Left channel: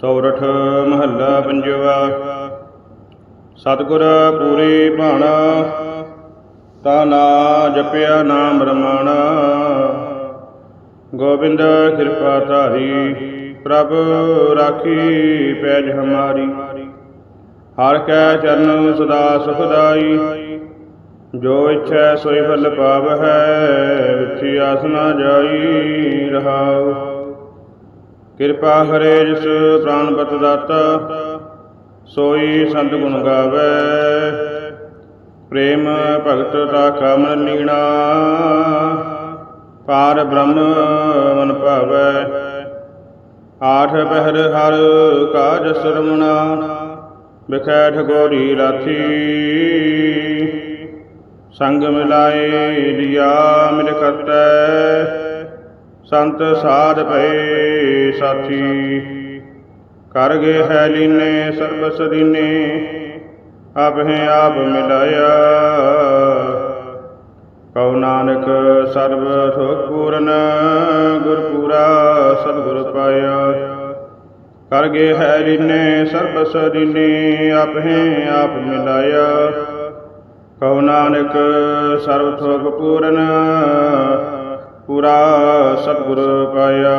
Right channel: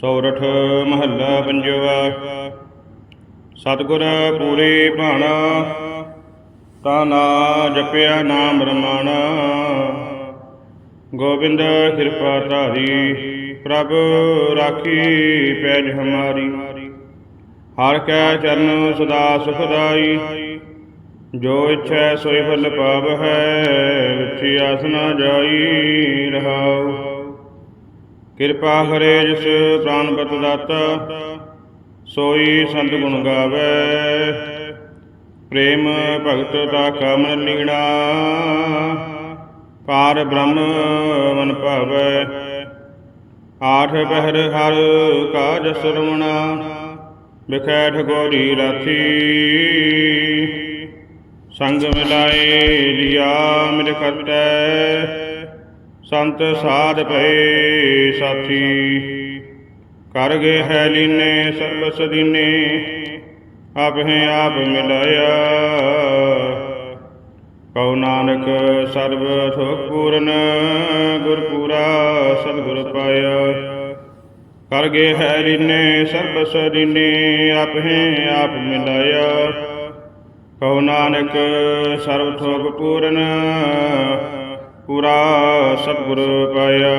ਸੌਰਠ ਮਹੱਲਾ ਪੰਜਵਾ। ਸਤਿਗੁਰ ਪੂਰੇ ਭਾਣਾ, ਤਾ ਨਾ ਜਪਿਆ ਨਾਮ ਰਮਾਣਾ। ਗੋਬਿੰਦ ਕਿਰਪਾ ਧਾਰੀ, ਪ੍ਰਭ ਰਾਖੀ ਪੈਜ ਹਮਾਰੀ। ਹਰ ਕੈ ਚਰਨ ਸਦਾ ਸੁਖਦਾਈ, ਜੋ ਇੱਛੈ ਸੋਈ ਫਲ ਪਾਵਹਿ, ਵਿਚੀ ਆਸ ਨਾ ਜਾਈ ਰਹਾਉ। ਕਿਰਪਾ ਹਰੇ ਜਿਸ ਪ੍ਰਾਨਪਤ ਦਾਤਾ, ਸੋਈ ਸੰਤ ਗੁਣ ਗਾਵੇ। ਪ੍ਰੇਮ ਭਗਤ ਦਾ ਕਾਮਨ ਲੀਣਾ ਪਾਰ ਬ੍ਰਹਮ ਮਨ ਭਾਵੈ। ਆਠ ਬਹਿਰ ਹਰ ਕਾਜ ਸਰਵਣਾ, ਬਿਖੈਠ ਗੋਰੀ ਰਾਥੀ ਸੰਗ ਮਿਲਾਏ, ਲਿਆ ਮਿਲ ਕਰਤੈ ਸੰਤ ਸਾਧ ਭਏ ਸਾਥੀ। ਕਰ ਗਏ ਹੈ ਲੀਨੇ, ਸਰਬ ਸਦੀਨੇ, ਆਪੇ ਆਪ ਮਿਲਾਇਆ। ਕਉ ਨਾਨਕ ਸਰਬ ਸੁਖ ਪੂਰਨ ਗੁਰ ਪੂਰਾ ਸਤਿਗੁਰ ਪਾਇਆ। ਕਰ ਗਏ ਹੈ ਲੀਨੇ, ਸਰਬ ਸਦੀਨੇ, ਆਪੇ ਆਪ ਮਿਲਾਇਆ। ਕਉ ਨਾਨਕ ਸਰਬ ਸੁਖ ਪੂਰਨ ਪੂਰਾ ਸਤਿਗੁਰ ਪਾਇਆ।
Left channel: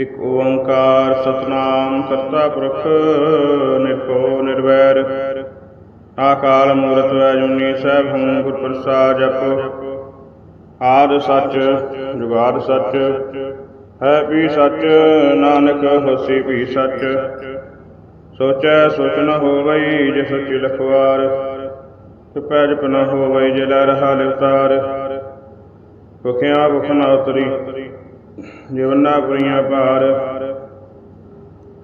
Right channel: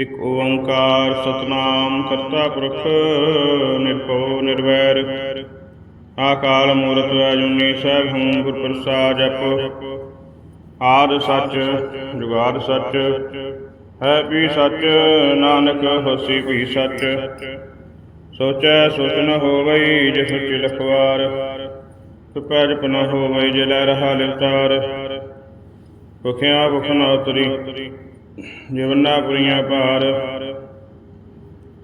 ਇਕ ਓੰਕਾਰ ਸਤਨਾਮ ਕਰਤਾ ਪੁਰਖ, ਨਿਰਭਉ, ਨਿਰਵੈਰ। ਆਕਾਲ ਮੂਰਤ ਅਜੂਨੀ ਸਹਿਬ ਹੂੰ ਗੁਰ ਪ੍ਰਸਾਦ ਜਪ। ਆਦ ਸੱਚ, ਜੁਗਾਦ ਸੱਚ, ਹੈ ਵੀ ਸੱਚ, ਨਾਨਕ ਹੋਸੀ ਵੀ ਸੱਚ। ਸੋਚੈ ਸੋਚ ਨ ਹੋਵਈ ਜੇ ਸੱਚੀ ਲਖਵਾਰ। ਤੁਪੈ ਜਪ ਨ ਹੋਵਈ ਜੇ ਲੈ ਰਹਾ ਲਿਵਤਾਰ। ਭੁਖਿਆ ਭੁਖ ਨ ਉਤਰੀ। ਜੀਵਨਾ ਪੁਰੀਆਂ ਭਾਰ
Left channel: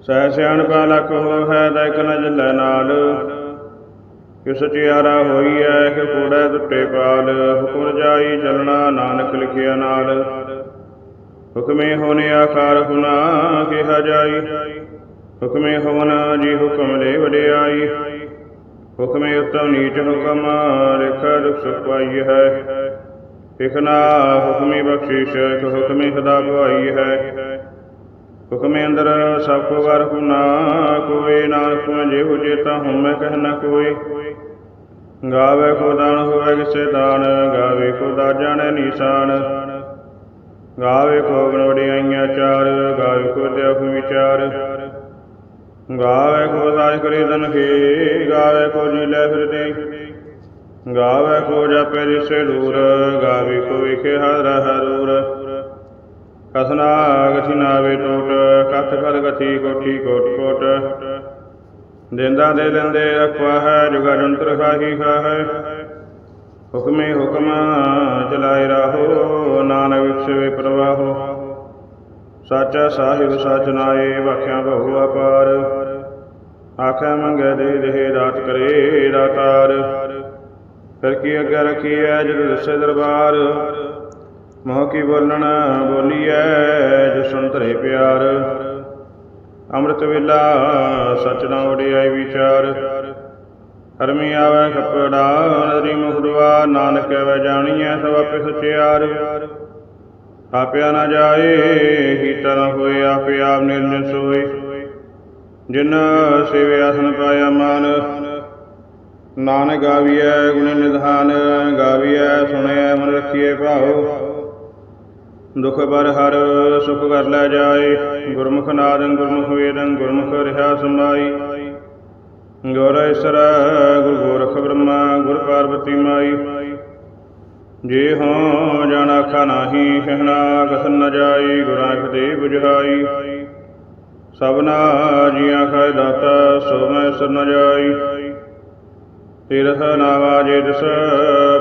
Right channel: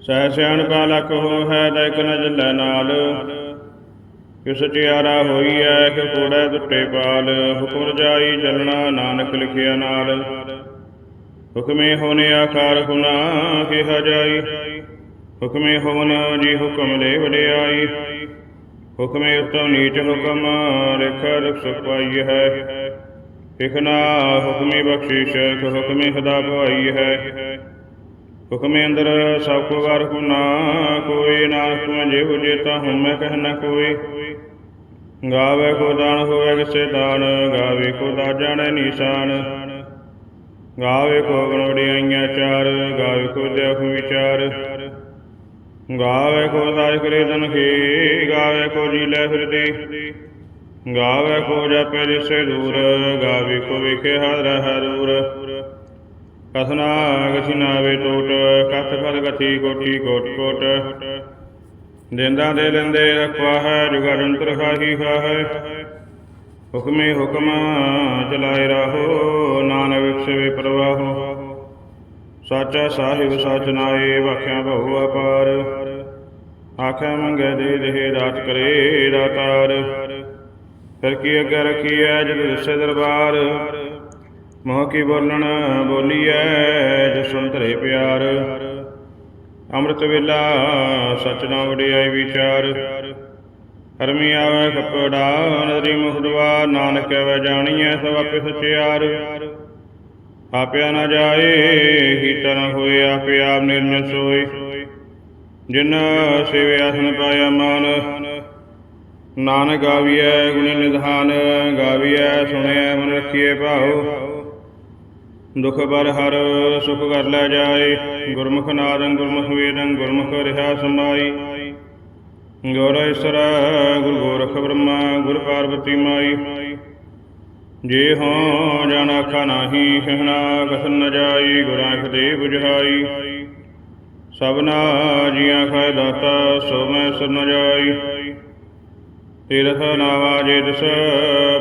ਸਹਿ ਸਿਆਣਪਾ ਲਖ ਹੋ ਹੈ ਦਾਇਕ ਨ ਨਾਲ। ਕਿ ਸਚਿਆਰਾ ਹੋਈ ਐ ਕਿ ਕੋੜੈ ਟੁੱਟੇ ਪਾਲ। ਹੁਕਮ ਜਾਈ ਚੱਲਣਾ, ਨਾਨਕ ਲਿਖਿਆ ਨਾਲ। ਹੁਕਮੇ ਹੋਨੇ ਆਕਾਰ ਹੁਨਾ, ਕਿਹਾ ਜਾਈ। ਹੁਕਮੇ ਹੋਨ ਜੀ ਹੁਕਮ ਲੈ ਵਡਿਆਈ। ਹੁਕਮੇ ਉਤਮ ਨੀਚ ਹੁਕਮ, ਲਿਖ ਦੁਖ ਸੁਖ ਪਾਈ ਹੈ। ਇਕਨਾ ਹੁਕਮੀ ਬਖਸ਼ਿਸ਼ ਹੁਕਮੀ ਸਦਾ ਭਵਾਈ ਹੈ। ਹੁਕਮੇ ਅੰਦਰ ਸਭ ਕੋ ਵਰ ਹੁਨਾ, ਕੋਈ ਨਾ ਤੁਮ ਜੇ ਹੋ ਹਉ ਮੈਂ ਕਹਿ ਨਾ ਕੋਈ। ਗਾਵੇ ਕੋ ਦਾਨ ਹੋਵੇ ਕਿਸੇ ਦਾਨ, ਗਾਵੇ ਕੋ ਦਾ ਜਾਣੈ ਨੀਸਾਨ। ਗਾਵੇ ਕੋ ਗੁਣ ਚਾਰ, ਗਾਵੇ ਕੋ ਦੇਖ ਵਿਚਾਰ ਗਾਵੇ ਕੋ ਦਾਇ ਕਰੇ ਦਨ ਗਾਵੇ ਕੋ ਜੀ ਲੈ ਫਿਰਦੇ ਗਾਵੇ ਕੋ ਜਪੇ ਦਿਸੇ ਦੂਰ ਗਾਵੇ ਕੋ ਵਿਖੇ ਹਰ ਹਰੂਰ। ਕਥਨਾ ਗਥੀ ਨਾਵੇ ਟੋਟ, ਕਥ ਫਲ ਗਥੀ ਕੋਠੀ ਕੋਟ ਕੋਟ। ਦੇਂਦਾ ਦੇ ਲੈਂਦੇ ਰਖਵਾ ਹੈ ਜੁਗਾ ਜੰਤਰ ਖਾਹੀ ਹੈ। ਹੁਕਮੇ ਹੁਕਮ ਚਲਾਏ ਰਾਹੋ, ਨਾਨਕ ਵਿਖਸੇ ਪ੍ਰਵਾਹੋ। ਸਾਚਾ ਸਾਹਿਬ ਸਚ ਨਾਏ, ਵਾਖਿਆ ਬਹੁ ਅਪਾਰ। ਆਖੇ ਮੰਗੇ ਦੇ ਦੇ ਦਾਤ ਕਰੇ ਦਾਤਾਰ ਫਿਰ ਕੀ ਅੱਗੇ ਰੱਖੀ ਐ ਜਦ ਦੱਸੇ ਦਰਬਾਰ? ਮੋਹ ਕੀ ਬੋਲਣ? ਬੋਲੀਐ ਜੋ ਸੁਣਤਰੇ ਪਿਆਰ। ਅੰਮ੍ਰਿਤ ਵੇਲਾ, ਸਚ ਨਾ ਵਡਿਆਈ ਵਿਚਾਰ। ਹਰਮੀ ਆਵੇ ਕਪੜਾ ਨਦਰੀ ਮੁਖਦਵਾ ਨਾਨਕ ਵੈ ਜਾਣੀਐ, ਸਭ ਆਪੇ ਸਚਿਆਰ ਆਪਿਆ ਨਾ ਜਾਏ ਹੀ ਨਾ ਹੋਏ, ਆਪੇ ਆਪ ਨਿਰਜਨ ਸੋਏ। ਜਿਨ ਸੇਵੇ ਆਸਨ ਪਾਇਆ ਮਾਨ ਨਾਨਕ ਗਾਵੀਐ ਗੁਣੀ ਨਿਧਾਨ, ਗਾਵੀਐ ਸੁਣਿਐ ਮਨ ਰਖੀਐ ਭਾਉ। ਦੁਖ ਬਰ ਹਰ, ਸੁਖ ਕਰ ਲੈ ਜਾਏ। ਗੁਰਮੁਖ ਨਾਦੰ ਗੁਰਮੁਖ ਵੇਦੰ, ਗੁਰਮੁਖ ਰਿਹਾ ਸਮਾਈ ਗੁਰ ਈਸਰ, ਗੁਰ ਗੋਰਖ ਬ੍ਰਹਮਾ, ਗੁਰ ਪਾਰਵਤੀ ਮਾਈ। ਜੇ ਹੋ ਜਨ ਆਖਾ ਨਾਹੀ ਕਹਿਣਾ ਕਥਨ ਨ ਜਾਈ, ਗੁਰਾਂ ਦੇ 부ਝਾਈ ਸਭਨਾ ਜੀਆਂ ਖਾਇ ਦਾਤਾ, ਸੋ ਮੈਂ ਸਰ ਨ ਜਾਈ। ਤੀਰਥ ਨਾਵਾ ਜੇ ਦਸ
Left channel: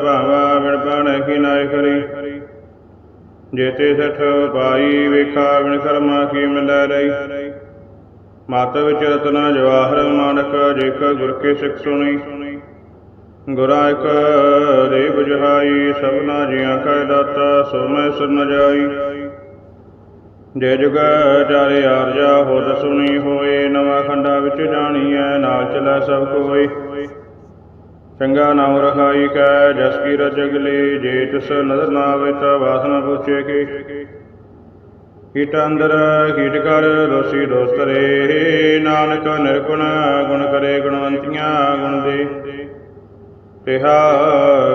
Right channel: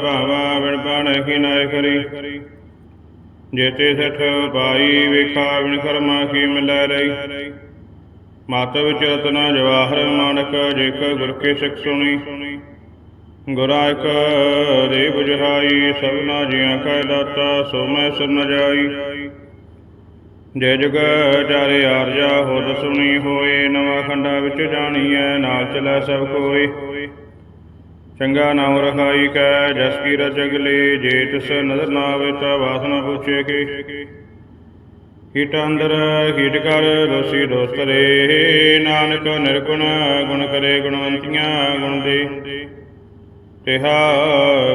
ਭਾਵਾ ਬਿਨ ਪਾਣ ਕੀ ਨਾਇ ਕਰੀ। ਜੇਤੇ ਸਠ ਪਾਈ ਵੇਖਾ ਬਿਨ ਕਰਮਾ ਕੀ ਮਿਲੈ ਰਹੀ ਮਤ ਵਿੱਚ ਰਤਨਾ ਜਵਾਹਰ ਮਾਨਕ ਜੇਕ ਗੁਰ ਕੇ ਸਿੱਖ ਸੁਣੀ। ਗੁਰਾਂ ਇਕ ਦੇ 부ਝਾਈ ਸਭਨਾ ਜੀਆਂ ਕੈ ਦਾਤਾ ਸੋ ਮੈਂ ਸਰ ਜਾਈ। ਜੇ ਜੁਗ ਚਾਰੇ ਆਰਜਾ ਹੋਦ ਸੁਣੀ ਹੋਏ, ਨਵਾਂ ਖੰਡਾ ਵਿੱਚ ਜਾਣੀਐ, ਨਾਲ ਚਲੈ ਸਭ ਕੋਈ ਚੰਗਾ ਨਾਮ ਰਖਾਈ ਕੈ, ਜਸ ਕੀ ਰਚ ਅਗਲੇ ਜੇ ਤਿਸ ਨਦਰ ਨਾ ਆਵੇ ਤਾ ਵਾਸਨਾ ਪੁੱਛੇ ਕੇ। ਕੀਟ ਅੰਦਰ ਕੀਟ ਕਰ ਦੋਸੀ ਦੋਸਤ ਨਾਨਕ ਨਿਰਗੁਣ, ਗੁਣ ਕਰੇ ਗੁਣਵੰਤੀਆਂ, ਗੁਣ ਦੇ। ਤਿਹਾ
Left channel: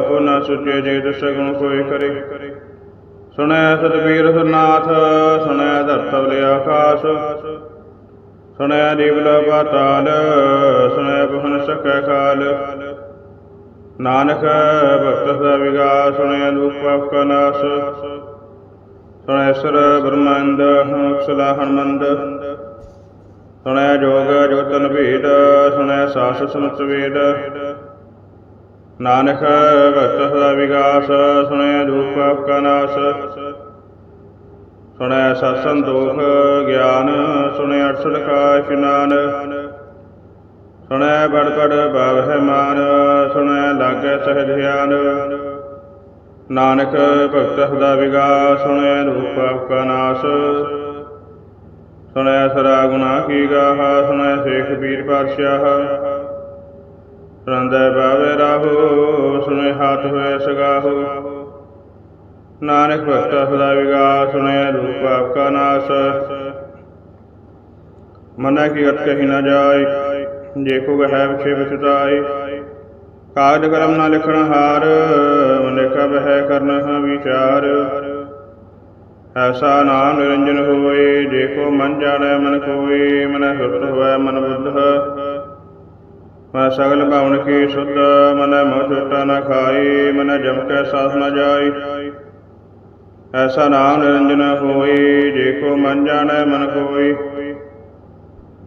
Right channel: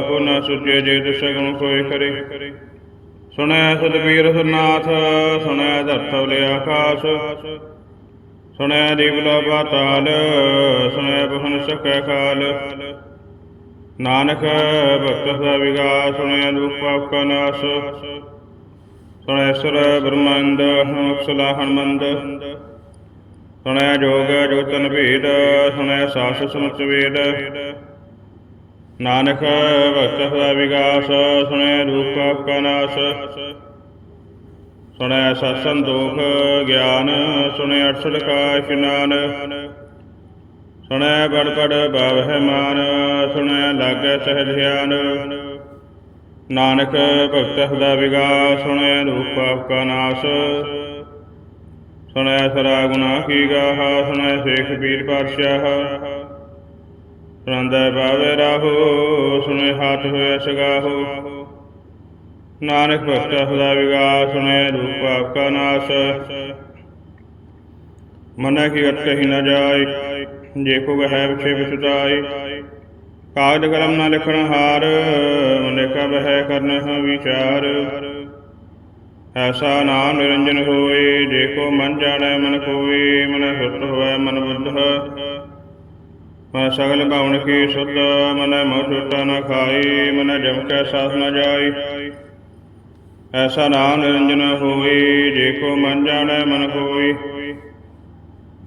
ਗੁਣ ਸੁਚੇ ਜੇ ਦਸ ਗੁਣ ਕੋਈ ਕਰੇ। ਸੁਣਿਆ ਸਤਵੀਰ ਸੁਨਾਥ ਸੁਣਿਆ ਧਰਤਵ ਲਿਆ ਆਕਾਸ਼। ਸੁਣਿਆ ਜੀਵਲਾ ਪਾਤਾਲ ਸੁਣਿਆ ਬਹਨ ਸਕੈ ਕਾਲ। ਨਾਨਕ ਭਗਤ ਸਦਾ ਵਿਗਾਸ ਸੁਣਿਆ ਦੁਖ ਪਾਪ ਕਾ ਨਾਸ। ਸੁਣਿਆ ਸਰ ਬ੍ਰਹਮੰਦ ਅਕਸਲਾ ਹਨਮੰਦ ਸੁਣਿਆ ਜੋਗ ਜੋਤਨ ਭੇਦ ਸੁਣਿਆ ਸਾਸ ਸਮਤ ਵੇਦ। ਨਾਨਕ ਭਗਤ ਸਦਾ ਵਿਗਾਸ ਸੁਣਿਆ ਦੁਖ ਪਾਪ ਕਾ ਨਾਸ। ਸੁਣਿਆ ਸਤ ਸੰਤੋਖ ਗਿਆਨ ਸੁਣਿਆ ਅਠਸਠ ਕਾ ਇਸ਼ਨਾਨ ਸੁਣੈ ਬੜ ਬੜ ਭਾਵਹਿ ਮਾਨ ਸੁਣਿਆ ਲਾਗੈ ਸਹਿ ਧਿਆਨ ਨਾਨਕ ਭਗਤ ਸਦਾ ਵਿਗਾਸ ਸੁਣਿਆ ਰੂਪ ਪਾਪ ਕਾ ਨਾਸ। ਸੁਣਿਆ ਸਰਾ ਗੁਨਾ ਕੀ ਗਾਹ ਸੁਣਿਆ ਸੇਖ ਪੀਰ ਪਾਤਸ਼ਾਹ। ਸੁਣਦਾ ਬਾਵੇ ਰਾਹੋ, ਸੁਣੇ ਹੱਥ ਹੋਏ ਸਗਾਹੋ। ਨਾਨਕ ਭਗਤ ਸਦਾ ਵਿਗਾਸ ਸੁਣਿਆ ਰੂਪ ਪਾਪ ਕਾ ਨਾਸ। ਮਨਾ ਕੀ ਅਤ ਕਹੀ ਨਾ ਜਾਏ ਜੇ ਕੋ ਹੈ ਵਿਖੇ ਵਿਚਾਈ ਕਾਗਦ ਕਲਮ ਨਾ ਲਿਖਣ ਹਾਰ ਮਨੇਕਾ ਬਹਿ ਕਰਨ ਵਿਚਾਰ। ਐਸਾ ਨਾਮ ਨਿਰੰਜਨ ਹੋਏ, ਜੇ ਮਨ ਜਾਣੈ ਮਨ ਕੋਈ ਮਨ ਸੁਤ ਹੋਵੇ ਮਨ ਬੁੱਧ। ਮਨ ਸਗਲ ਭਾਵਨ ਕੀ ਸੁਧ, ਮਨ ਮੋਹ ਛੋਟਾ ਨਾ ਖਾਈ ਮਨ ਜਮ ਕੈ ਸਾਥ ਨ ਜਾਈ ਐਸਾ ਨਾਮ ਨਿਰੰਜਨ ਹੋਏ, ਜੇ ਕੋ ਮਨ ਜਾਣੈ ਮਨ ਕੋਈ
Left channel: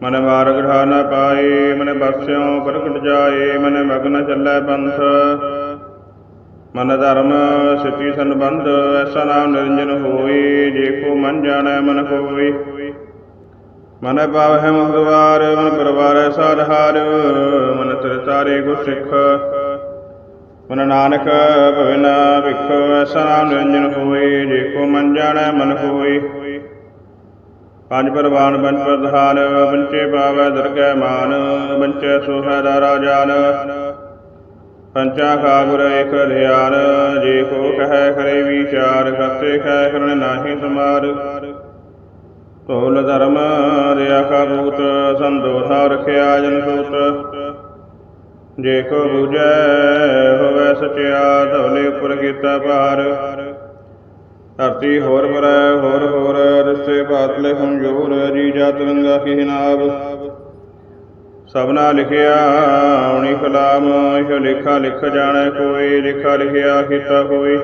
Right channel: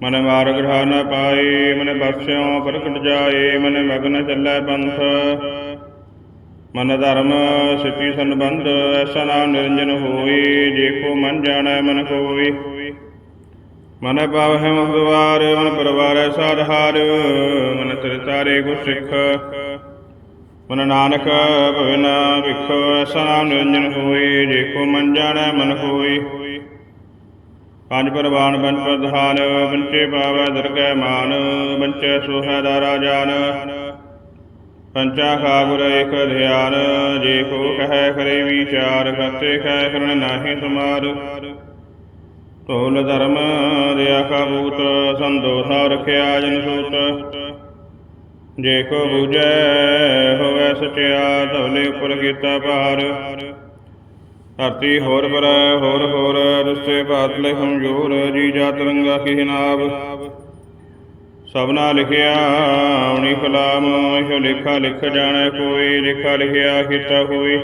ਮਨ ਮਾਰਗ ਢਾ ਨ ਪਾਏ, ਮਨ ਬਖਸ਼ਿਓ ਪ੍ਰਗਟ ਜਾਏ, ਮਨ ਮਗਨ ਚੱਲੈ ਪੰਥ। ਮਨ ਧਰਮ ਸਿੱਧੀ ਸੰਬੰਧ, ਐਸਾ ਨਾਮ ਨਿਰੰਜਨ ਹੋਏ, ਜੇ ਕੋ ਮਨ ਜਾਣੈ ਮਨ ਕੋਈ ਮਨ ਪਾਵਹਿ ਮੁਖਦਵਾਰ ਮਨ ਪਰਵਾਰੈ ਸਾਧਾਰ ਮਨ ਤਰ ਤਾਰੇ ਗੁਰ ਸਿੱਖ। ਮਨ ਨਾਨਕ ਭਵਨ ਵਿਖ ਐਸਾ ਨਾਮ ਨਿਰੰਜਨ ਹੋਏ, ਜੇ ਕੋ ਮਨ ਜਾਣੈ ਮਨ ਕੋਈ ਪੰਜ ਪਰਵਾਨ ਪੰਜ ਪ੍ਰਧਾਨ ਪੰਚੇ ਪਾਵੈ ਦਰਗਹਿ ਮਾਨ ਪੰਚੇ ਸੋਹੈ ਦਾਰਾ ਜਾਨ ਪੰਚਾ ਖਾ ਗੁਰ ਇਕ ਧਿਆਨ, ਜੇ ਕੋ ਕਹੈ ਕਰੇ ਵਿਚਾਰ ਕਰਤੇ ਖੈ ਕਰਨ ਨਾਹੀ ਸਮਾਰ। ਢੋਲ ਧਰਮ ਰਿਆ ਕਾ ਬੂਤ ਸੰਦੋਖਾ ਰਖਿਆ ਜਨ ਸੂਤ। ਜੇ ਕੋ ਬੂਝੈ, ਹੋਵੇ ਸਚਿਆ, ਧੌਲੇ ਉੱਪਰ ਕੀਤਾ ਭਾਰ। ਧਰਤੀ ਹੋਰ ਪਰ ਹੋਰ ਹੋਰ, ਰਿਸ਼ਤੇ ਬਾਤਲੇ ਹਮਜੂਰ ਜੀ ਜਾਤ ਰੰਗਾ ਕੀ ਨਾਬ ਸਭਨਾ ਲਿਖਿਆ ਉਣੀ ਕਲਾਮ, ਇਹ ਲੇਖਾ ਲਿਖ ਜਾਣੈ ਕੋਈ, ਲੇਖਾ ਲਿਖਿਆ ਕੀਤਾ ਹੋਈ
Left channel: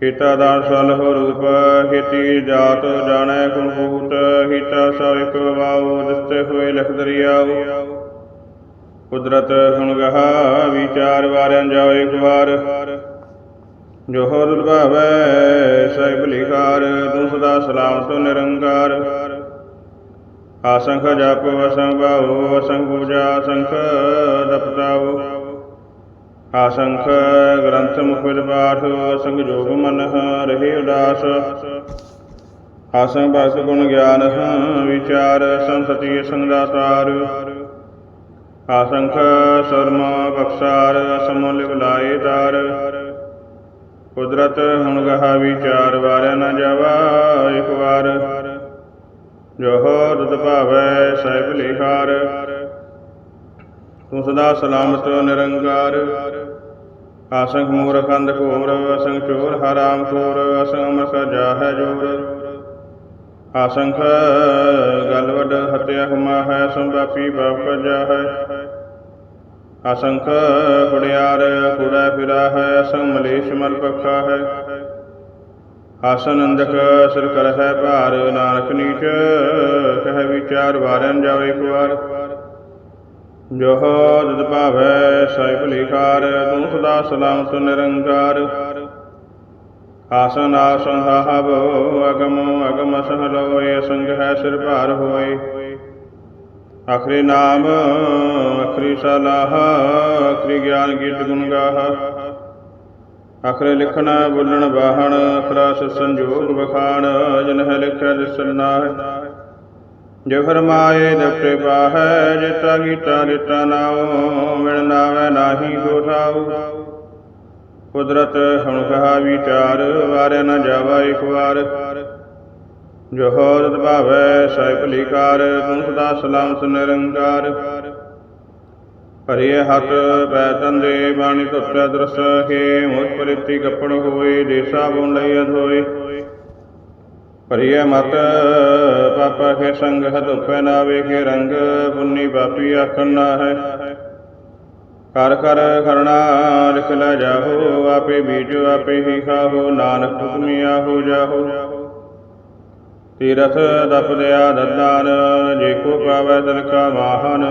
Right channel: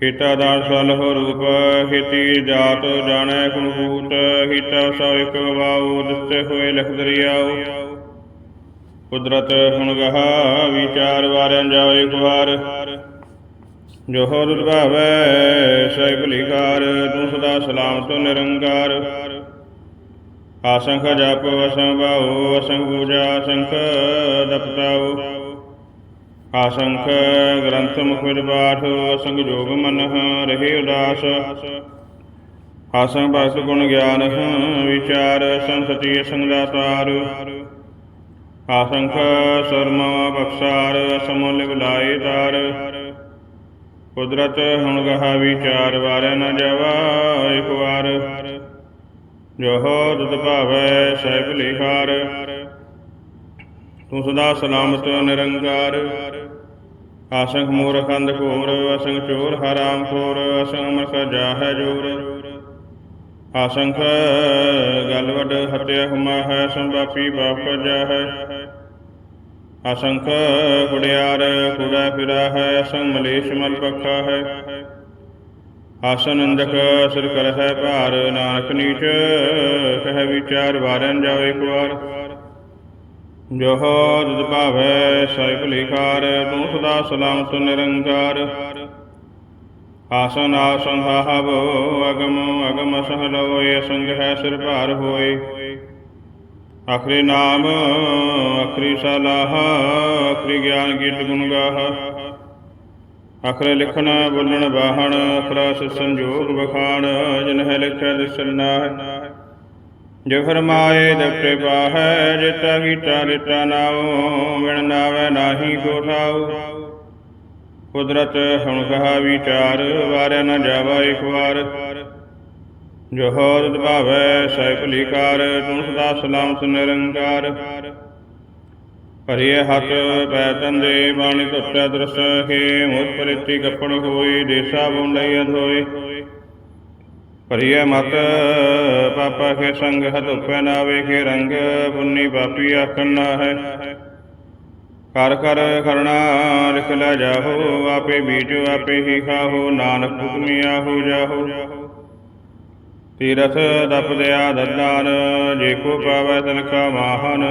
ਕੀਤਾ ਦਾਨ ਸਲ ਹੋ ਰੂਪ, ਹਿਤੀ ਜਾਤ ਜਾਣੈ ਕੁਲੂਤ ਹਿਤਾ ਸੋ ਇਕ ਵਾਉ ਦਿਸਤੇ ਹੋਏ ਲਖ ਦਰਿਆਉ। ਕੁਦਰਤ ਹੁਣ ਗਹਾ, ਵਿਚਾਰ ਵਾਰਿਆਂ ਜਾਓ ਇੱਕ ਵਾਰ ਜੋ ਹੋਰ ਭਾਵੈ ਸਹਿਬ ਲਿਖਾਰ ਤੂੰ ਸਦਾ ਸਲਾਮ ਤੋਂ ਨਿਰੰਕਾਰ। ਆਸੰਖ ਜਾਪੋ, ਅਸੰਖ ਭਾਉ, ਅਸੰਖ ਪੂਜਾ, ਅਸੰਖ ਦਪਤਾਉ। ਆਸੰਖ ਗ੍ਰੰਥ ਮੁਖ ਵਿਦ ਅਸੰਖ ਜੋਗ ਮਨ ਰਹੇ ਉਦਾਸ। ਆਸੰਖ ਭਗਤ ਗੁਣ ਗਿਆਨ ਵਿਚਾਰ ਸੰਸਤੀ ਸੰਗਦਾਤਾਰ ਆਸੰਖ ਸਰਮ ਬਖਸ਼ਾਰ ਸਮੁਲ ਬੁਲਾਏ ਕੁਦਰਤ ਹੁਣ ਗਹਾ ਵਿਚਾਰ ਵਾਰਿਆ ਨ ਜਾਵਾ, ਇੱਕ ਵਾਰ। ਜੋ ਦੁਤ ਭਾਵੈ, ਸਹਿਬ ਲਿਖਾਰ ਤੂੰ ਸਦਾ ਸਲਾਮਤ, ਨਿਰੰਕਾਰ। ਆਸੰਖ ਮੂਰਖੰਦ ਘੋਰ ਅਸੰਖ ਚੋਰ ਹਰਾਮ ਖੋਰ ਅਸੰਖ ਮਸ ਜਾਹੈ ਜੋਰ। ਆਸੰਖ, ਗਲ ਹਤਿਆ ਹਮਾ ਹੈ, ਸੰਭਾਪੀ ਬਾਪ ਜਾਹੈ। ਅਸੰਖ ਕੁੜਿਆਰ ਕੁੜਾ ਫਿਰਾ ਹੈ ਅਸੰਖ ਮਲੇਸ਼ ਮਲ ਪੱਖਾ ਹੈ ਆਸਨ ਅੰਦਕ ਸਿਰ ਕਰ ਹੈ ਭਾਰ, ਨਾਨਕ ਨੀਚ ਕਹਿ ਵਿਚਾਰ ਵਾਰਨ ਜਾਵੇ ਇੱਕ ਵਾਰ ਜੋ ਜਦ ਭਾਵੈ ਸਾਹਿਬ ਲਿਖਾਰ ਤੂੰ ਸਦਾ ਸਲਾਮਤ ਨਿਰੰਕਾਰ। ਆਸਨ ਆਸਨ ਹਾਵ ਅਗਮ ਅਗਮ ਸਹਲੋਏ ਸੰਗ ਹੈ ਸਿਰ ਭਾਰ ਹੋਏ। ਆਖਰੀ ਨਾਮ, ਆਖਰੀ ਸਲਾਹ, ਆਖਰੀ ਗਿਆਨ ਗੀਤ ਗੁਣ ਗਾਹ। ਆਖਰੇ ਲਿਖਣ, ਬੋਲਣ ਬਾਹਣ ਅਖਰਾ ਸੰਜੋਗ ਬਖਾਣ ਜਨ ਹੈ ਲਿਖਿਆ ਦਿਸਣਾ ਹੈ ਜੇ ਫਰਮਾਏ ਦਪਟੇ ਪਾਹੈ ਜਿਤਾ ਗੀਤਾ ਰਿਤਾ ਨਾਉ, ਮਿਣ ਨਾਵੇ ਨਾਹੀ ਕੋ ਕੁਦਰਤ ਹੁਣ ਕਹਾ ਵਿਚਾਰ ਵਾਰਿਆ ਨਾ ਜਾਵਾ ਇੱਕ ਵਾਰ। ਜੋ ਹੋਰਤ ਭਾਵੈ ਸਹਿ ਭਲੀ ਕਾਰ, ਤੂੰ ਸਦਾ ਸਲਾਮ ਨਿਰੰਕਾਰ। ਭਰੀਏ ਹੱਥ ਪੈ ਤੰਦੇ, ਬਾਣੀ ਧੁੱਤੈ ਦਰਸ ਕੇ ਮੁਖ ਪਰਿਤੀ ਕੱਪੜ ਹੋਏ, ਦੇਸਾ ਬੁਣ ਲਈ ਅਧੋਏ। ਭਰੀਏ ਮਤ ਪਾਪਾ ਕੇ ਸੰਗ ਹਤੁਪੈ ਨਾ ਵੇਖੇ ਰੰਗ, ਪੁੰਨੀ ਪਾਪੀ ਆਖਣ ਨਾ ਹੈ। ਕਰ ਕਰ ਕਰਣਾ ਲਿਖ ਲੈ ਜਾਹੋ, ਆਪੇ ਬੀਜੋ, ਆਪੇ ਹੀ ਖਾਹੋ, ਨਾਨਕ ਹੁਕਮੀ ਆਹੋ ਜਾਹੋ। ਤੀਰਥ ਦਪਦਿਆ ਦਦਾਨ ਜੇ ਕੋ ਪਾਵੈ ਤਿਨ ਕਾ ਮਾਹਨ,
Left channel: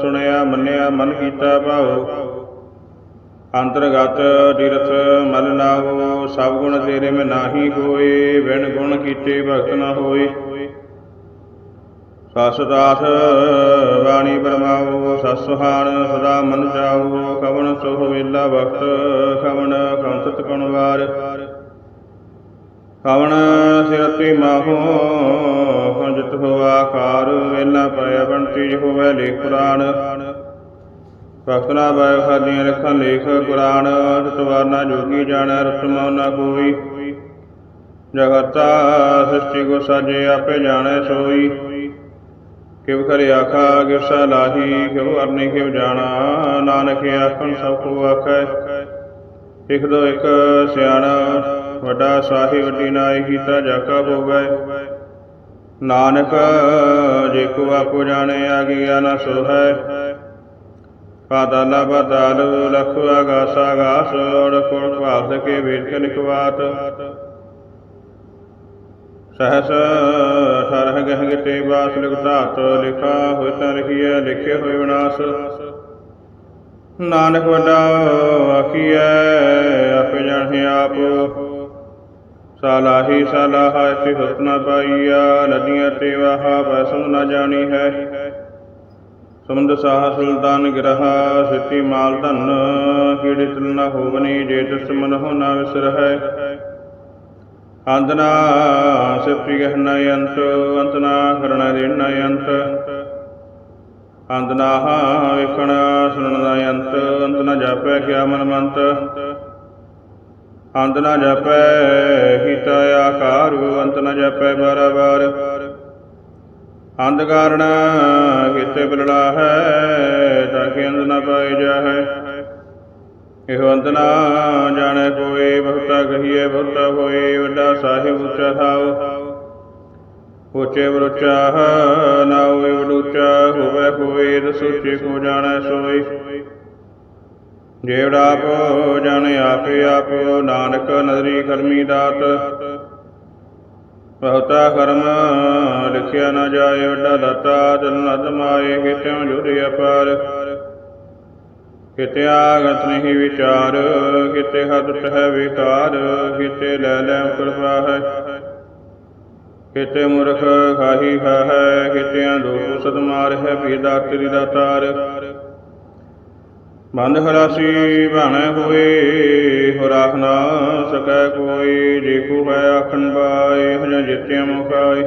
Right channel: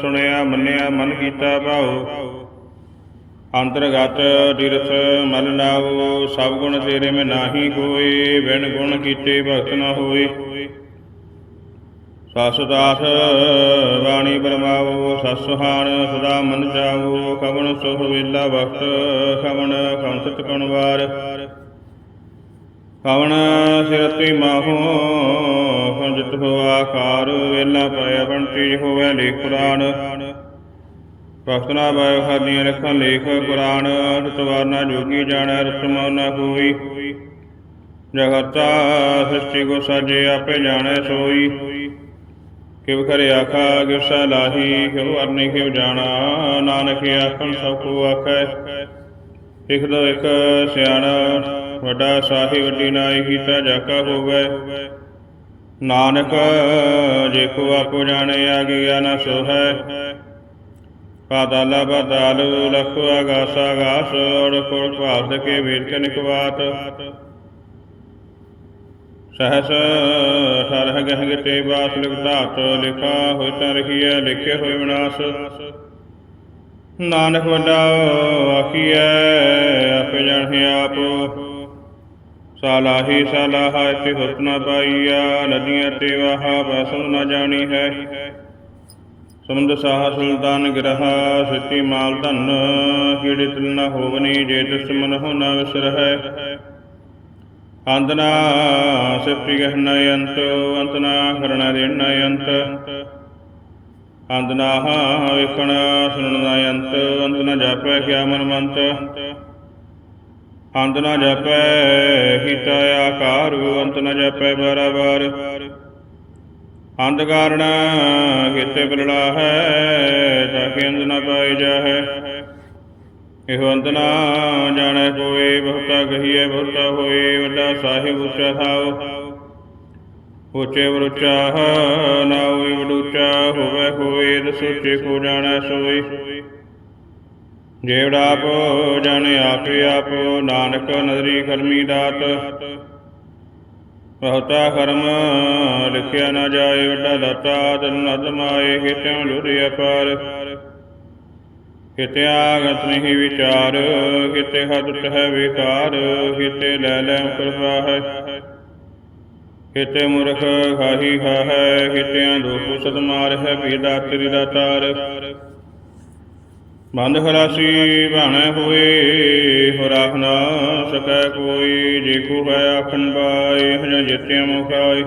ਸੁਣਿਆ ਮੰਨਿਆ ਮਨ ਕੀਤਾ ਭਾਉ। ਅੰਤਰਗਤ ਤੀਰਥ ਮਲ ਨਾਵੋ ਸਭ ਗੁਣ ਤੇਰੇ ਮੈਂ ਨਾਹੀ ਹੋਏ, ਬਿਨ ਗੁਣ ਕੀਤੇ ਭਗਤ ਨਾ ਹੋਏ। ਸਸ ਦਾਸ ਬਾਣੀ ਬਰਮਾਓ ਸਸ ਸਦਾ ਮਨ ਜਾਓ ਕਵਣ ਸੁਖ ਵੇਲਾ ਵਕਤ, ਕਵਣ ਕੰਸਤ ਕਣਵਾਰ ਕਵਣ ਸਿਰਤੀ ਮਾਹੋ ਕੰਜਤ ਹੋ ਆਕਾਰ, ਵੇਲਾ ਪਾਇਆ ਬੰਤੀ ਹੋਵੇ ਲੇਖ ਕੁਰਾਨ ਭਗਤਨਾ ਬਾਇ ਖਾਦੀਆਂ ਰੱਖਾਂ ਲੇਖ ਕੁਰਾਨ ਤਤਵਾਰਨਾ ਜੋਗੀ ਜਾਣੈ ਰਤਮੋ ਨਾ ਕੋਈ ਜਗਤਾ ਸ੍ਰਿਸ਼ਟੀ ਕੋ ਸਾਜੇ ਆਪੇ ਜਾਣੈ ਸੋਈ। ਕਿਵ ਕਰੇ ਆਖਾ, ਕਿਵ ਸਲਾਹੀ ਕਿਵ ਵਰਨੇ, ਕਿਵ ਜਾਣਾ, ਨਾਨਕ ਆਖਣ ਸਭ ਕੋ ਆਖੈ। ਇਕ ਦੋ ਇਕ ਸਿਆਣਾ, ਵੱਡਾ ਸਾਹਿਬ ਵੱਡੀ ਨਾਈ ਕੀਤਾ ਜਾਕਾ ਹੋਵੇ। ਨਾਨਕ, ਜੇ ਕੋ ਆਪੋ ਜਾਣੇ ਆ ਗਿਆ ਨਾ ਸੋ ਹੈ ਪਾਤਾਲਾ ਪਾਤਾਲ ਲਖ ਆਗਾਸ ਆਗਾਸ ਔਰ ਕੋਲ ਭਾਰਤ ਕੇ ਵੇਦ ਕੇ ਸਹਸ ਠਰਹ ਗਹਿ ਗਤੇ ਬਾਸ ਲਿਖ ਲਿਖਾ ਹੋਇ ਤਾ ਰਖੀਐ ਲਿਖੇ ਹੋਇ ਵਿਨਾਸ਼। ਨਾਨਕ ਵੱਡਾ ਆਖੀਐ, ਆਪੇ ਜਾਣਿ ਆਪ। ਸਾਲਾਹੀ ਸਾਲਾਹਾ ਇति ਹੁਤ ਪਾਈਆ, ਨਦੀਆਂ ਤੇ ਵਾਹਾ ਬਸੁ ਨ ਜਾਣੀ ਹੈ। ਸਮੁੰਦ ਸਾਹ ਸੁਲਤਾਨ ਗ੍ਰਹਾ ਸਿੱਤੀ ਮਾਲ ਧਨ ਕੀੜੇ ਤਿਲ ਨ ਹੋਵਨੀ, ਜੇ ਤਿਸ ਮਨ ਹੋ ਨ ਵਿਸਰਹਿ। ਅੰਤਨਾ ਸਿਪੀ ਗਹਿ ਅੰਤ ਅੰਤਨਾ ਕਰਣਾ ਦੇਣ ਅੰਤ। ਅੰਤਨਾ ਵੇਖਣ ਸੁਣਨ ਦਾ ਅੰਤ ਅੰਤ ਨ ਜਾਪੈ ਕਿਆ ਮਨ ਮੰਤ। ਅੰਤ ਨ ਜਾਪੈ ਹਿਤਾ ਆਕਾਰ, ਅੰਤ ਨ ਜਾਪੈ ਬਾਰ ਅੰਧ ਕਾਰਣ ਕਿਤੇ ਬਿਲੜਾ ਹੈ, ਤਾਂ ਕਿ ਅੰਧ ਨਾ ਪਾਏ ਜਾਹੈ। ਇਹੋ ਅੰਤ ਨਾ ਜਾਣੈ ਕੋਏ, ਬਹੁਤਾ ਕਹੀਏ ਬਹੁਤਾ ਹੋਏ, ਵੱਡਾ ਸਾਹਿਬ ਉੱਚਾ ਉੱਚੇ ਵਰੁਚਾ, ਨਾ ਹੋਏ ਹੋਵੇ ਹੋਏ ਦਸੂਚੇ ਕੋ ਜਾਣੈ ਸੋਈ ਜੇਵੜਾ ਆਪ ਜਾਣੇ ਆਪੇ ਆਪ, ਨਾਨਕ ਨਦਰੀ ਕਰਮੀ ਦਾਤ। ਬਹੁਤਾ ਕਰਮ ਲਿਖਿਆ ਨਾ ਜਾਏ, ਵੱਡਾ ਦਾਤਾ ਤਨ ਅਦਮਾਏ ਕਿਤਿਉ ਜੁੜੇ ਅਪਾਰ। ਕਿਤੇ ਆਗਤ ਨਹੀਂ ਵਿਚਾਰ ਕਿਤੇ ਹਦਤ ਹੈ ਵਿਕਾਰ ਕਿਤੇ ਲੈ ਲੈ ਕਿਰਪਾ ਹੈ ਕਿਤੇ ਮੁਰਖ ਖਾਹੀ ਹੈ ਕਿਤੇ ਦੁਖ ਸਤ ਮਾਰ ਹੈ ਪੀਦਾ ਤੇਰੀ। ਦਾਤਾਰ ਬੰਦ ਖਲਾਸੀ ਬਾਣੇ ਹੋਏ ਹੋ ਨਾ ਸਕੈ ਕੋਈ ਜੇ ਹੈ ਆਖਣ ਬਾਏ ਹਨ ਜਿਤਿ ਮੁਖਾਏ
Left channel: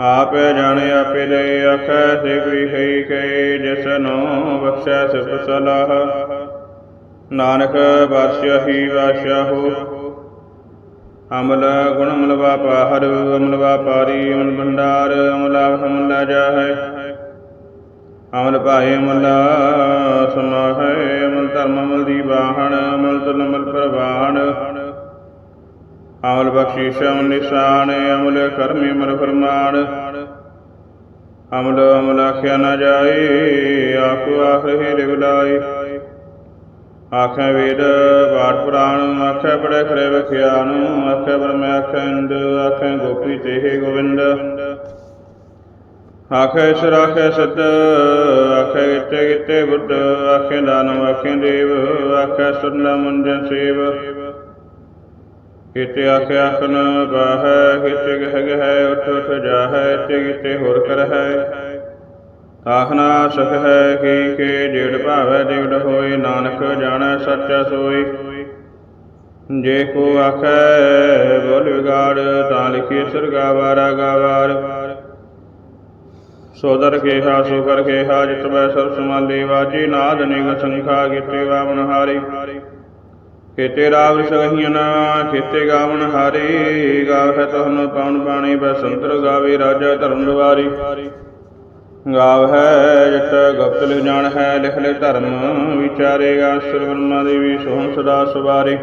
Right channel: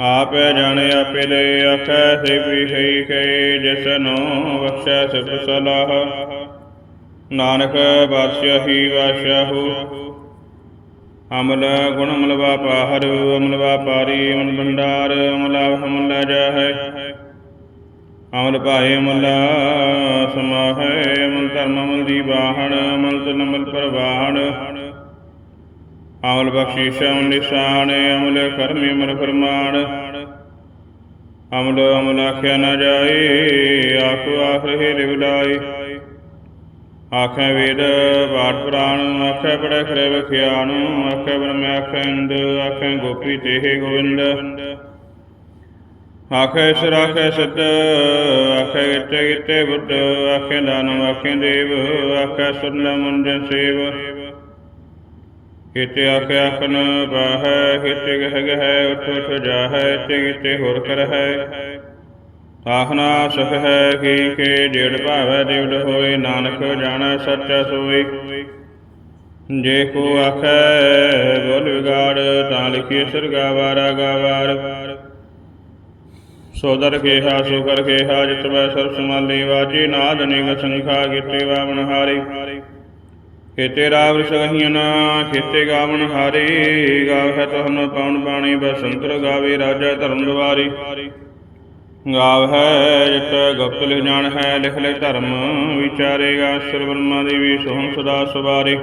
ਆਪੇ ਜਾਣੇ ਆਪੇ ਲੈ ਆਖੈ ਸੇ ਵੀ ਹੈ ਕੇ ਜਿਸ ਨੂੰ ਬਖਸ਼ੈ ਸਿਫ ਸਲਾਹ। ਨਾਨਕ ਬਾਦਸ਼ਾਹ ਹੀ ਬਾਦਸ਼ਾਹੋ ਅਮਲ ਗੁਣ ਅਮਲ ਵਾਪਾਹਰ ਅਮਲ ਵਾਪਾਰੀ, ਅਮਲ ਭੰਡਾਰ, ਅਮਲਾ ਹਮਲਾ ਜਾਹੈ। ਅਮਲ ਭਾਏ ਅਮਲਾ ਸਮਾਹੈ ਅਮਲ ਧਰਮ ਅਮਲ ਦੀ ਬਾਹਣ, ਅਮਲ ਤੁਲ ਅਮਲ ਪ੍ਰਵਾਹਣ ਅਮਲ ਬਖਸ਼ੀਸ਼, ਅਮਲ ਨਿਸ਼ਾਨ, ਅਮਲ ਕਰਮੀ ਅਮਲ ਫਰਮਾਨ। ਅਮਲ ਅਮਲ ਆਖਿਆ ਨਾ ਜਾਏ ਆਖੋ ਆਖਰੇ ਲਿਵ ਲਾਏ। ਆਖੇ ਵੇਦ, ਪਾਠ ਪ੍ਰਾਣ, ਆਖੇ ਬੜੇ ਖਰੇ ਵਿਖਿਆਨ, ਆਖੇ ਬ੍ਰਹਮ, ਆਖੇ ਇੰਦ ਆਖੇ ਗੋਪੀ ਤੇਹੇ ਗੋਵਿੰਦ। ਆਖੇ ਸਰ ਸਤ, ਆਖੇ ਗਿੱਤੇ ਗਿੱਤੇ ਬੁੱਧ, ਆਖੇ ਦਾਨਵ, ਆਖੇ ਦੇਵ, ਆਖੇ ਸੁਰਨ ਮੁੰਜਨ ਸੇਵ। ਕਿਤੇ ਆਖੇ ਆਖਨ ਬਾਹੈ ਕਿਤੇ ਗਹਿ ਗਹਿ ਉਠ ਉਠ ਜਾਹੈ ਤੇ ਕਿਤੇ ਹੋਰ ਕਰਹਿ। ਆਖਨਾ ਸਖ ਹੈ ਕੀ ਕੇ ਜੇੜ ਭਾਵੈ ਦੇਵ ਹੋਏ, ਨਾਨਕ ਜਾਣੈ ਸੱਚਾ ਸੋਈ। ਜੇ ਕੋ ਆਖੈ ਬੋਲ ਵਿਗਾੜ, ਤਾਂ ਲਿਖੀ ਸਰਗਾ ਵਾਰਾ ਗਾਵਾਰ ਸੋਦਰ ਕੇ ਹਾ ਸੋ ਕਰ ਕੇ ਹਾ ਜਿਤ ਮੈਂ ਸਰ ਸਮਾਲੀ ਵਾਜੀ ਨਾਦ ਨਿਗ ਸੰਖਾ ਕੀਤੇ ਵਾ ਹਾਰੀ। ਖੇਤੇ ਰਾਵ ਸਗਹੀਨ ਖੇਤੇ ਗਾਵਨ ਹਾਰੀ। ਗਾਵੈ ਤਹਨ ਪਾਉਣ ਬਾਣੀ ਬਸੰਤਰ ਗਾਵੇ, ਰਾਜਾ ਧਰਮ ਦੁਆਰੀ। ਗਾਵ ਹੈ, ਜਟ ਗੁਪਤ ਲਿਖ ਜਾਣ ਹੈ, ਲਿਖ ਲੈ ਧਰਮ ਵਿਚਾਰੇਗਾ ਅਸਰ ਬ੍ਰਹਮਾ ਦੇਵੀ, ਸੋਹਣ ਸਦਾ ਸਵਾਰੇ।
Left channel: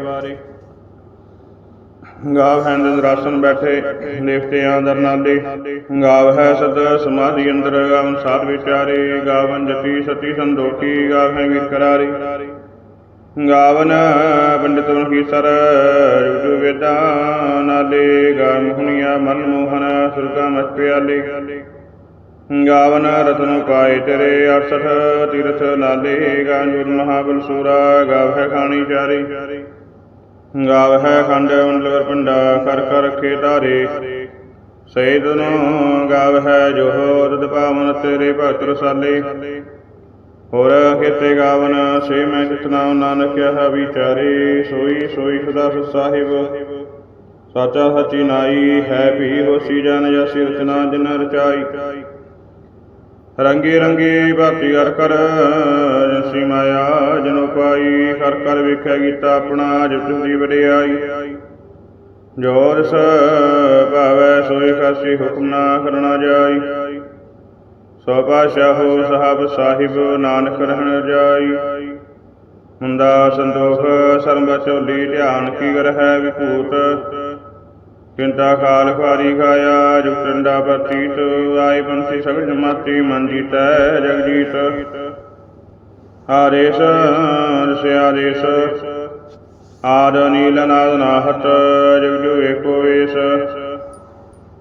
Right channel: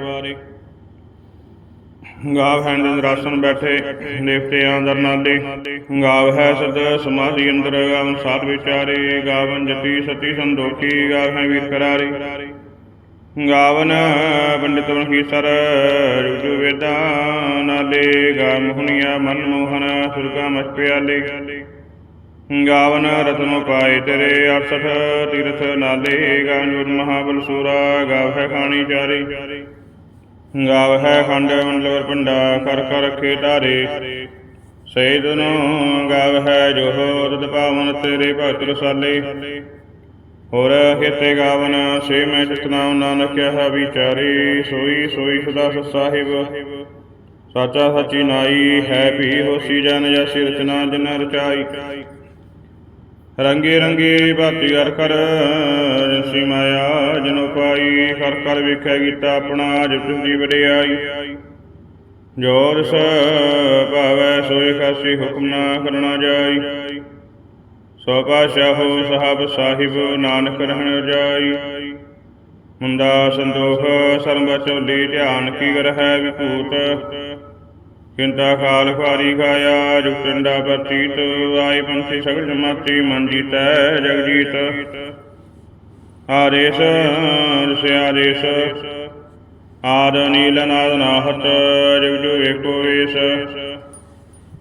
ਗਾਵ ਹੈ ਅੰਦਰ ਬੈਠੇ, ਦੇਵਤੇ ਆਦਰ ਨਾਲੇ ਗਾਵ ਹੈ ਸਦ ਸਮਾਧੀ ਅੰਦਰ, ਗਾਵਨ ਸਾਧ ਵਿਚਾਰੇ, ਗਾਵਨ ਜਤੀ ਸਤੀ ਸੰਦੋਖੀ, ਗਾਵ ਹੈ ਵੀਰ ਕਰਾਰੇ। ਗਾਵਨ ਪੰਡਿਤ ਕੀ ਸਰ ਰੁਜੂ ਵੇਦਾ ਨਾਲੇ ਗਾ ਮੁਹਨੀਆ ਮਨ ਮੋਹਨ ਸੁਰਗਾ ਮਚ ਪਿਆਲੇ। ਗਾਵਨ ਰਤਨ ਪਾਏ ਤੇਰੇ 68 ਤੀਰਥ ਨਾਲੇ, ਗਾਂਜੂਰ ਮਹਾਬਲ ਸੂਰਾ ਗਾਵ ਹੈ ਖਾਣੀ ਚਾਰੀ। ਗਾਵ ਹੈ ਖੰਡ ਮੰਡਲਵਰ ਪੰਡਾ ਕਰ ਕਰ ਰਖੇ ਸੇਦ ਨੂੰ ਗਾਵ ਹੈ ਜੋ ਪਾਵਨ ਤੇਰੇ ਭਗਤ ਰਸਾਲੇ। ਹੋਰ ਖੇਤੇ ਗਾਵਨ, ਸੇ ਮੈਂ ਜਿਤਨਾ ਨਾਨਕ ਕਿਹਾ ਵਿਚਾਰੇ। ਸੋਈ ਸੋਈ ਸਦਾ ਸਾਹਿਬ। ਸਾਚਾ ਸਚੀ ਨਾਈ, ਹੈ ਵੀ ਹੋਸੀ ਜਨ, ਜਸੀ ਰਚਨਾ ਜਿਨ ਰਚਾਈ। ਰੰਗੇ ਰੰਗੇ ਭਾਤੀ ਕਰ ਕਰ, ਜਿਸੀ ਮਾਇਆ ਜਨੋ ਪਾਈ, ਕਰ ਕਰ ਵੇਖਿਆ ਕੀਤਾ ਆਪਣਾ ਜਿਤ ਦੀ ਵਡਿਆਈ। ਜੋਰ ਸ ਭਾਵੈ ਸੋਈ ਖਾਸੀ ਹੁਕਮ ਨਾ ਕਰਨਾ ਜਾਈ। ਸੋ ਪਾਸ਼ਾਹੋ ਸਾਹਿਬ ਸਾਹਿਬ, ਨਾਨਕ ਰਹਿਣ ਜਾਈ। ਮੁੰਦਾ ਸੰਤੋਖ, ਸਰਬ ਚੋਲੀ ਧਿਆਨ ਕੀ ਕਰ ਵਿਭੂਤ ਕਿੰਤਾ ਖਾਲ ਖਾਰੀ ਖਾਇਆ ਜੁਗਟੰਡਾ ਪ੍ਰਤੀਤ, ਆਏ ਪੰਥੀ ਸਗਲ ਜਮਾਤੀ, ਮਨ ਜੀਤੈ, ਜਗ ਜੀਤ। ਆਰੇਸ ਰਸਿਆਰੇਸ ਆਦ ਨੀਲ ਨਾਦ ਨਾਹਤ, ਜਗ ਜੋ ਏਕੋ ਏਸ।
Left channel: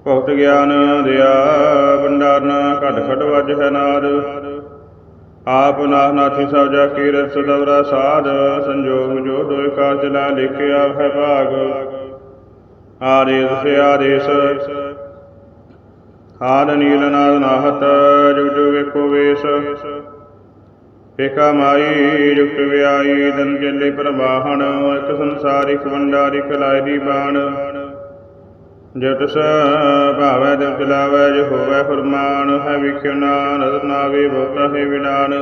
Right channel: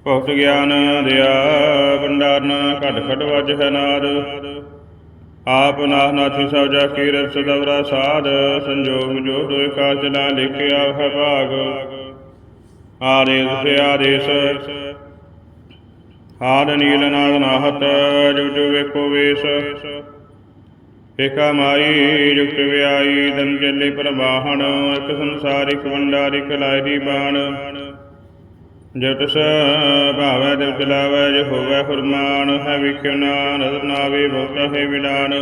ਭਗਤ ਗਿਆਨ ਦਿਆ, ਭੰਡਾਰਨ, ਘਟ ਘਟ ਵਜ ਹੈ ਨਾਦ। ਆਪ ਨਾਥ ਨਾਥੀ ਸਭ ਜਾ ਕੀ ਰਸ ਸਾਧ, ਸੰਜੋਗ ਜੋ ਦੋਇ ਕਾਰ ਚਲਾ ਲਿਖਿਆ ਹੈ ਭਾਗ। ਆਰੇਸ ਸੇ ਆਰੇਸ ਨੀਲ ਨਾਦ ਨਾਹਤ, ਜੁਗ ਜੁਗ ਵੇਖੋ ਵੇਸ। ਏਕਾ ਮਾਈ, ਜੁਗਤ ਵਿਆਈ, ਦਨ ਚੱਲੇ ਪ੍ਰਵਾਹਣ, ਇੱਕ ਸੰਸਾਰ ਇੱਕ ਵੰਡਾਰ ਦੀ ਬਾਣ। ਜਟ ਸ ਭਾਵੈ ਦਿਵ ਚਲਾਵੈ, ਜੋ ਹੋਵੈ ਫਰਮਾਨ, ਹੈ ਵਿਖਿਓ ਨਾਨਕ, ਨਾਵੇ ਬਹੁਤਾ ਹੈ ਵਿਡਾਨ।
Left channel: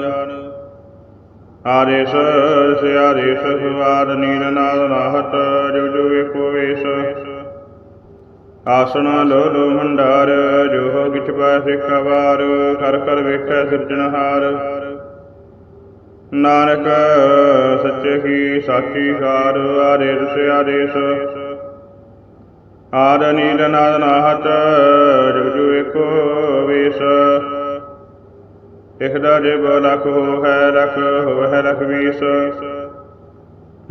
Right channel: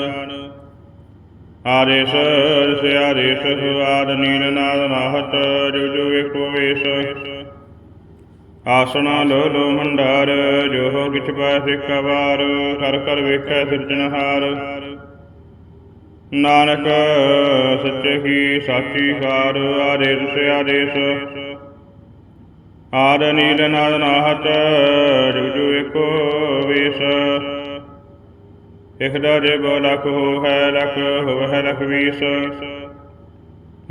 ਆਰੇਸ ਸੇ ਆਰੇਸ ਨੀਲ ਨਾਦ ਨਾਹਤ ਜੋ ਜੋ ਵੇਖੋ ਵੇਸ। ਆਸਣਾ ਲੋ ਲੋ ਜੋ ਕਿਛ ਪੈ ਸਿੱਖਾ ਵਾਰ ਕਰ ਵੇਖੈ ਸਿਰਜਣਹਾਰ ਨਾਨਕ, ਸੱਚੇ ਕੀ ਸਾਚੀ ਕਾਰ ਆਰੇ ਸੇ ਆਦੇਸ। ਆਦ ਨੀਲ ਨਾਦ ਨਾਹਤ, ਜੁਗ ਜੁ ਏਕੋ ਵੇਸ। ਇਖਦਾ ਜੇ ਬੋ ਲਖ ਹੋ ਹੈ ਲਖ ਹੋਵੈ ਲਖ ਵੀਸ।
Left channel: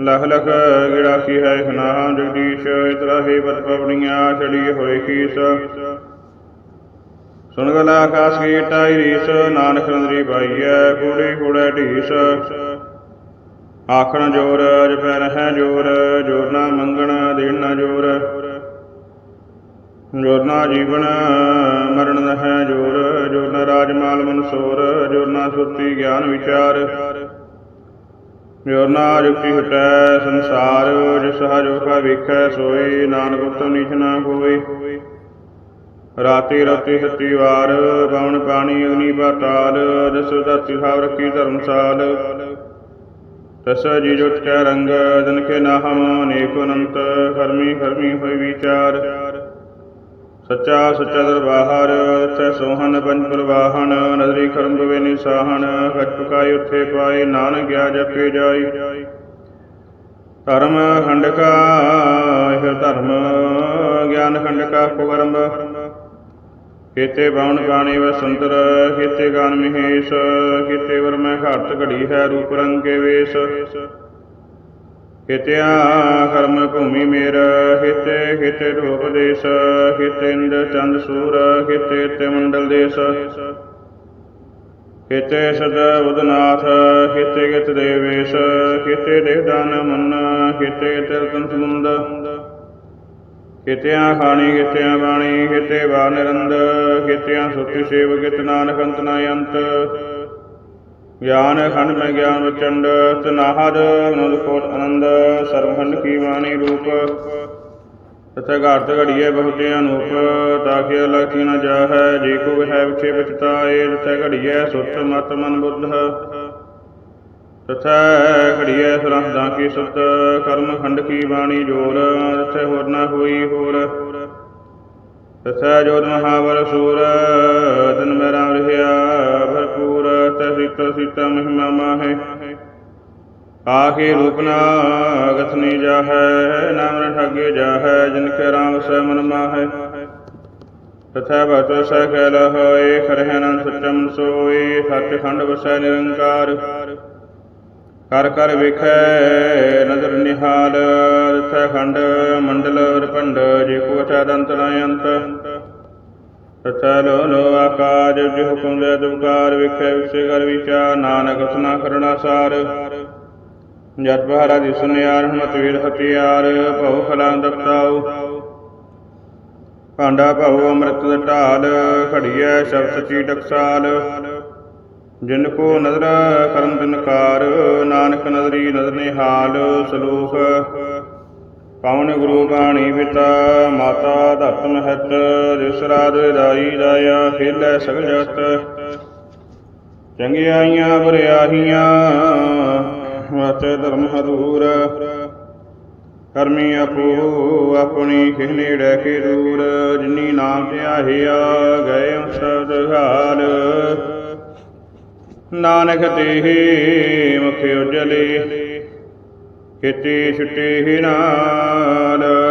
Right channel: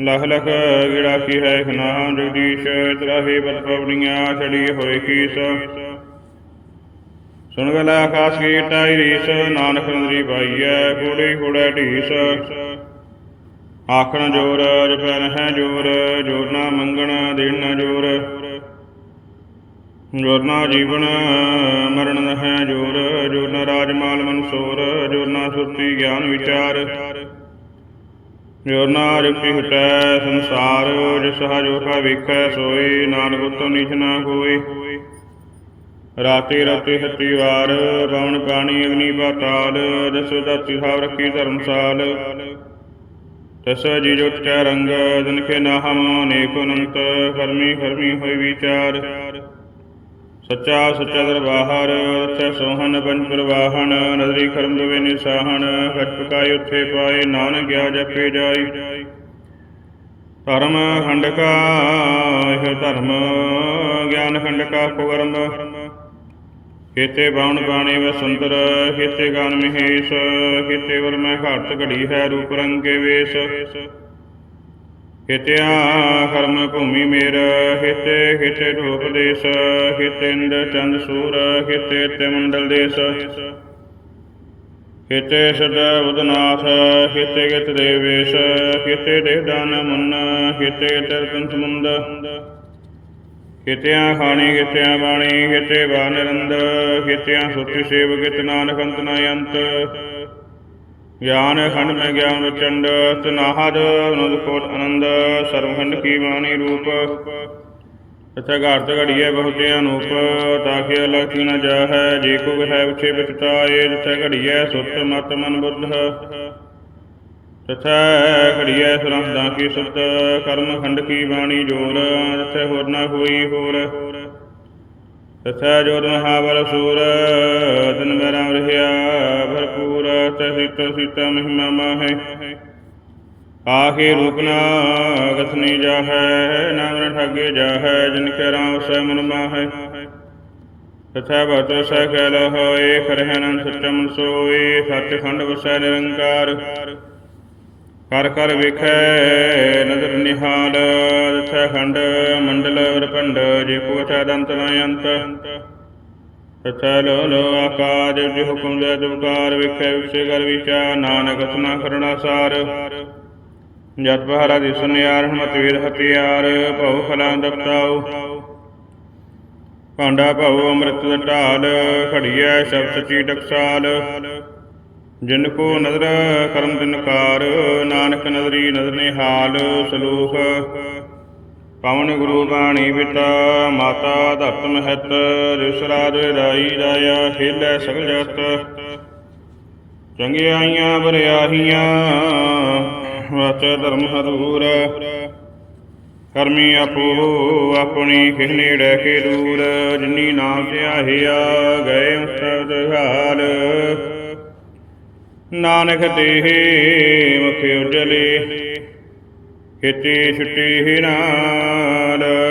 ਲਖ ਲਖ ਗਿੜਾ ਕੀ ਹੈ ਖਨਾਮ ਜਗਦੀਸ਼, ਇਤਰਾ ਹੀ ਬਤ ਪਵਣੀਆਂ ਛੜੀ ਹੋਏ ਕੀਸ। ਸੁਣ ਗਲਾ ਆਕਾਸ ਕੀ ਟਾਈ ਰੀਸ, ਨਾਨਕ ਨੰਦਰੀ ਪਾਈਐ, ਕੂੜੀ ਕੂੜਾ ਢੀਸ। ਆਖਣ ਜੋਰ, ਜਪੈ ਹੈ ਜੋਰ ਜੋਰ ਨਾ ਮੰਗਣ, ਦੇਣ ਨਾ ਜੋਰ। ਜੋਰ ਨਾ ਜੀਵਨ, ਮਰਨ ਹੈ ਜੋਰ ਜੋਰ ਨਾ ਰਾਜਮਾਲ ਮਨਸੂਰ, ਜੋਰ ਨਾ ਸੁਰਤੀ ਗਿਆਨ ਵਿਚਾਰ। ਜੋਰ ਨਾ ਜੁਗਤੀ ਹਟੈ ਸੰਸਾਰ, ਜਿਸ ਹਜੋ ਕਾ ਵੇਖੈ ਸੋਈ ਨਾਨਕ ਉਤਮ ਨੀਚ ਨਾ ਕੋਈ ਰਾਤੀ ਰਾਤੀ ਹੱਤੀ ਵਾਰ ਪਵਨ ਪਾਣੀ ਅਗਨੀ ਪਾਤਾਲ ਦਸ ਦਾਤੀ ਸਾਵ ਰੱਖੀ ਧਰਮਸਾਲ। ਤਸ ਜੀ ਜੋ ਚੈ ਰੰਗ ਦਿਨ ਕੇ ਨਾਹਮ ਅਨੇਕ ਅਨੰਤ, ਕਰਮੀ ਕਰਮੀ ਹੋਈ ਵਿਚਾਰ। ਸੱਚਾ ਸੱਚਾ ਦਰਬਾਰ ਸੱਚਾ ਸੋਹਣ ਪੰਜ ਪ੍ਰਵਾਹਣ ਨਦਰੀ ਖਰਮ ਦੁਵੇ ਨਿਸਾਹਣ, ਖਟ ਪਕਾਈ ਪਾਏ ਨਾਨਕ ਗਿਆ ਜਪੇ ਜਾਈ। ਧਰਮ ਖੰਡਕਾ, ਇਹ ਧਰਮ ਗਿਆਨ ਖੰਡਕਾ ਕੁਗਰਮ ਕੀਤੇ ਬਾਉਣ ਬਾਣੀ ਵਸੰਤਰ, ਕੀਤੇ ਗਾਨ ਮਹੇਸ਼, ਕੀਤੇ ਵਰ ਘਾਟ ਘੜੀ ਹੈ ਰੂਪ ਰੰਗ ਕੇ ਵੇਸ਼। ਹਿਤਿਆ ਕਰਮ ਭੂਮੀ ਮੇਰ ਕੀਤੇ ਕੀਤੇ ਰੂਪ ਦੇਸ ਕੀਤੇ ਚੰਦ ਸੂਰ ਕੀਤੇ ਤੇ ਮੰਡਲ ਦੇਸ। ਕੀਤੇ ਸਦਾ ਬੁਧਨਾਥ ਕੀਤੇ ਗਿਤ ਦੇਵੇਸ਼ ਕੀਤੇ ਦੇ ਦਾਨ ਮਨ ਕੀਤੇ ਤਿਰਤਨ ਸਮੁੰਦ ਕੀਤਿਆਂ ਖਾਣੀ ਕੀਤਿਆਂ ਬਾਣੀ ਕੀਤੇ ਵਾ ਨਿਰੰਦ ਕੀਤਿਆਂ ਸੁਤੀ ਸੇਵ ਕਿਤ ਨਾਨਕ ਅੰਤ ਨ ਅੰਤ। ਗਿਆਨ ਖੰਡ ਮੈਂ ਗਿਆਨ ਵਚੰਡ ਤਨਾਹਦ, ਅਨੰਦ ਕੋਟ ਆਨੰਦ, ਸਰਵਖੰਡ ਕੀ ਬਾਣੀ ਰੂਪ। ਤਥਾ ਘਾਟ ਘੜੀਏ ਬਹੁਤੇ ਅਨੂਪ ਤਾਕਿ ਲਖੀ ਨ ਜਾਹੈ, ਜੇ ਕੋ ਹੈ ਵਿਛੇ ਵਿਚਤਾਏ ਤਥਾ ਘੜੀਏ ਸੁਰਤ ਮਤ ਮਨ ਬੁੱਧ। ਤਥੈ ਘੜੀਐ ਸਰਹਦਾਂ ਕੀ ਸੁਤ ਕਰਮ ਖੰਡ ਕੀ ਬਾਣੀ ਜੋਰ, ਤਥੈ ਹੋਰ ਨਾ ਹੋਈ ਹੋਰ। ਤਥੈ ਜੋਤ ਮਹਾਵਰ ਸੂਰ, ਦਿਨ ਮੇਰਾ ਰਹਿਆ ਭਰਪੂਰ ਤੈ ਮਹਿਮਾ ਮਾਹੇ ਆਖੇ ਰੂਪ ਨਾ ਗਸਨੀ ਜਾਹੈ ਨਾਮ ਨ ਠੱਗੇ ਜਾਹੈ ਜਿਨ ਕੇ ਰਾਮ ਸੈ ਮਨ ਮਾਹੈ ਤਥੈ ਭਗਤ ਸੈ ਕੈਲ ਹੋਏ ਖਰਹਿ ਸਚਮ ਸੋਏ ਸੱਚ ਵਸੈ ਨਿਰੰਕਾਰ ਕਰ ਕਰ ਵੇਖੈ ਨਦਰ ਨਿਹਾਲ ਤਥੈ ਖੰਡ ਮੰਡਲ ਰਪੰਡ ਜੇ ਕੋ ਅਚਾ ਦੰਤ ਨਯੰਤ ਤਥੈ ਲੋ ਲੋ ਆਕਾਜ ਜਿ ਹੁਕਮ ਦੇ ਦੁਕਾਰ ਵੇਖੈ ਵਿਸੇ ਕਰ ਵਿਚਾ ਨਾਨਕ ਸੁਨਾ ਕਰਣਾ ਸਾਰ। ਜਤ ਬਹਾਰਾ ਦੀ ਸੁਨਿਆਰ, ਹਮਤ ਵੀਰ ਹਥਿਆਰ, ਭਉ ਫਲਾਂ ਦਪਤਾਉ ਭਾਂਡਾ ਭਉ ਅੰਮ੍ਰਿਤ ਦਾ ਢਾਲ ਖੜੀਐ ਸ਼ਬਦ ਸਚੀ ਟਕਸਾਲ। ਜਿਨ ਕੋ ਨਦਰ ਕਰਮ ਦਿਨਕਾਰ ਨਾਨਕ ਨਦਰੀ ਨਦਰ ਨਿਹਾਲ ਸਲੋਖ ਪਵਨ ਗੁਰੂ ਬਾਣੀ ਪਿਤਾ, ਮਾਤਾ ਧਰਤ ਮਹਿਤ ਰਿਸਰਾਦ ਦਾਈ ਦਾਇਆ ਖੇਲੇ ਸਗਲ ਜਗਤ। ਚੰਗਿਆਈਆਂ ਬਰਿਆਹੀਆਂ ਵਾਚੇ ਧਰਮ ਹਦੂਰ ਕਰਮੀ ਆਪੋ ਆਪਣੀ ਖਿਨੇ ਡੈ ਕੇ ਦੂਰ, ਜਿਨੀ ਨਾਮ ਧਿਆਹਿਆ ਗਏ ਸਬਦ ਹਾਲ। ਨਾਨਕ ਤੇਹੇ ਮੁਖ ਉਜਲੇ ਕਿਤੇ ਛੁਟੇ ਨਾਲ।